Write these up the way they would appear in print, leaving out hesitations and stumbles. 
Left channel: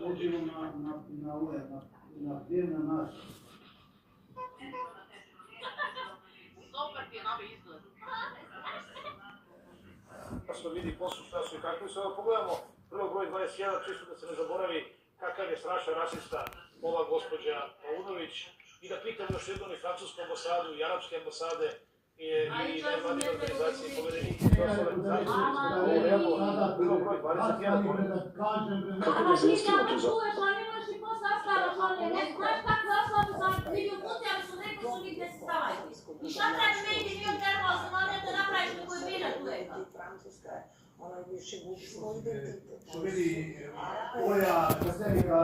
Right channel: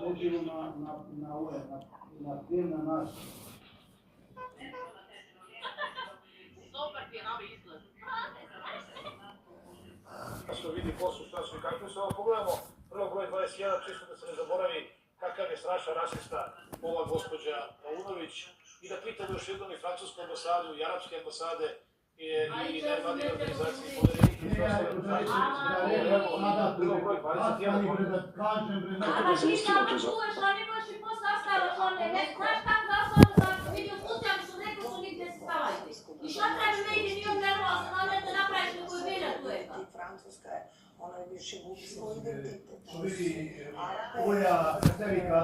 leđimo na pljevna naša. Super ti je novi izgled. Što vidi poslu šta su i kako se. Ovo pogledamo, prvo broj 21, čisto da se ne zaboravi kakav je strašan rasista ova gospođa Paunović. I da pitamo još jednom i francusku ambasadu, i arapske ambasade, i nevladine organizacije, i povedenike, i ostale organizacije. Evo, prvo broj 21. Kako da se ustilo to za... I šta treba meni, nije nervozno, ali da napraviš neko je bila tu eka. Francuska je, ona je više gubi svoj identitet. Vidi, koja Jasevika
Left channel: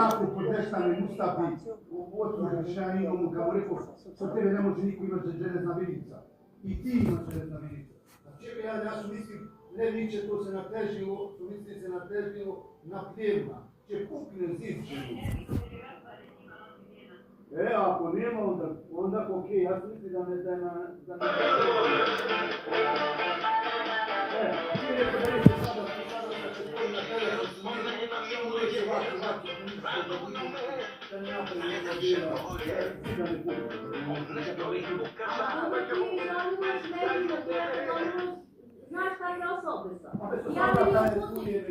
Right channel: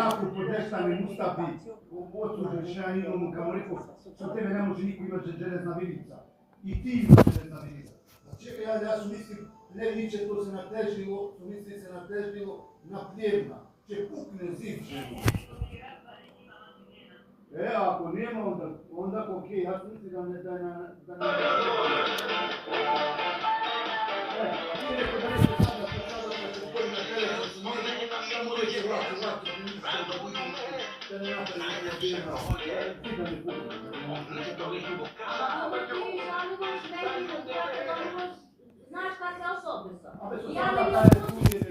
jako podešta mi Mustafi u ocu rešenja imamo kao rekao, sa tebe ne može niko imati železna vidica. I ti imaš železna vidica. Znači ja su mislim, Leviće to se natežilo, su misli se natežilo na pljevna. Će pukne zimče. Ako nema, onda okej, ja mislim da ne... Znaš šta se osobno sam? Ja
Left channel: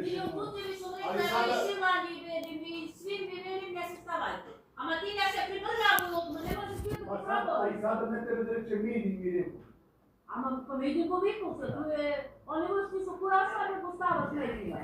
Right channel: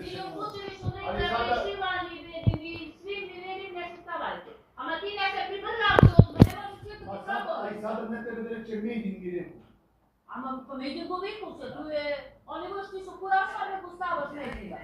i upućevi su nekada išivali i svim nivelima ne se stavajte. Ama ti ne se pripržavaju, ne možeš biti u proboj. I sada ne tebe da reće medij mi rekao. Ama pa medij poviknu se, tu je... Oni još ti su kurašali da postavaš medija.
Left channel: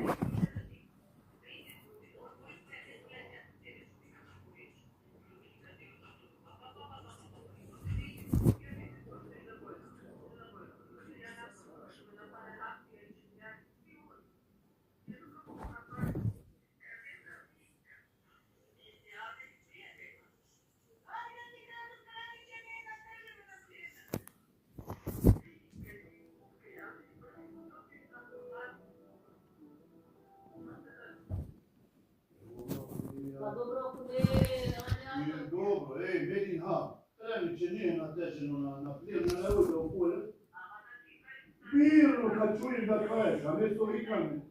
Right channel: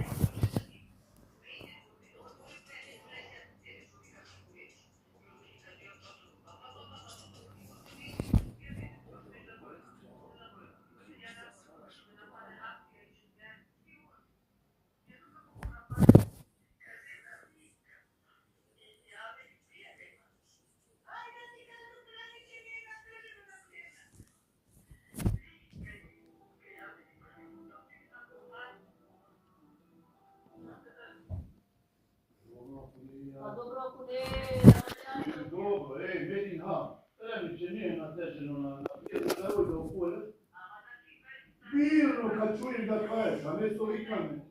Pa dobro, ako ne... Dobro, vidi, Leviće nije nateženo na plijevna, ne ode u polje. Birno kad čujem da kažeš, a ne to vikame.